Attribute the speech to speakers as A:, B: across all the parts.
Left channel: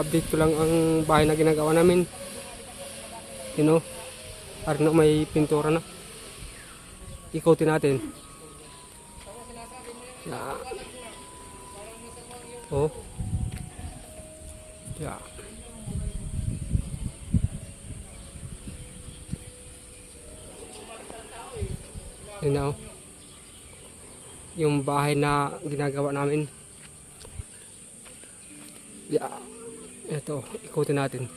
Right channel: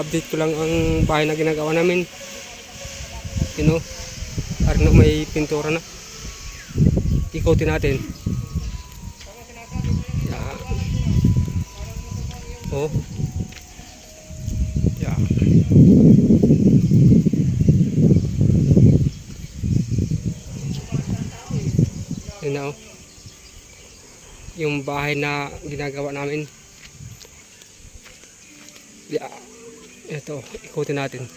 A: update ko lang ang bahay na ginagawa namin. You know, parang na may pintura na. Ikotin natin. Yeah. Oh. Yeah. Yun na oh. Yung bahay na ginagawa namin. Yeah. Ito, ikutin natin.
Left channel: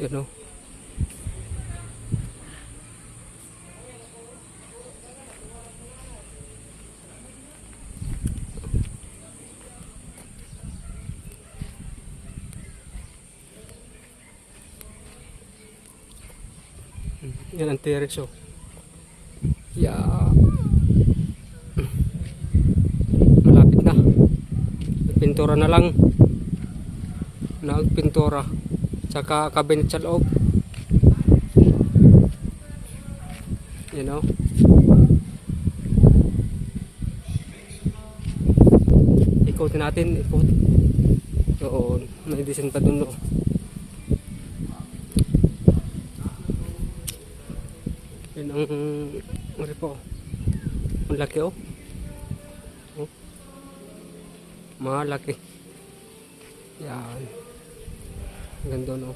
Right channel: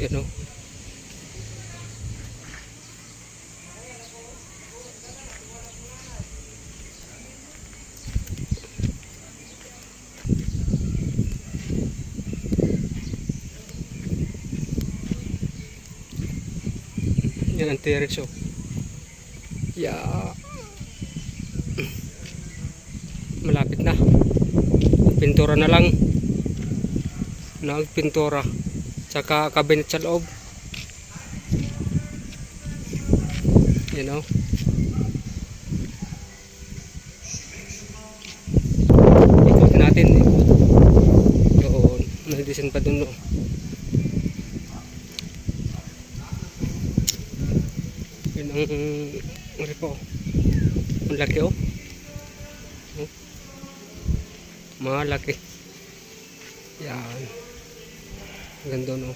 A: Yan o. Yan ang terrace oh. Yeah. Malapit na. Pintura na lang. Nagpintura. Tsaka cabinet sa loob. You know? Ikutin natin. Ikot. Doon. May design pa dun. No? Yun ang ano. Ang laki oh. Malaki. Yan. Ganda no.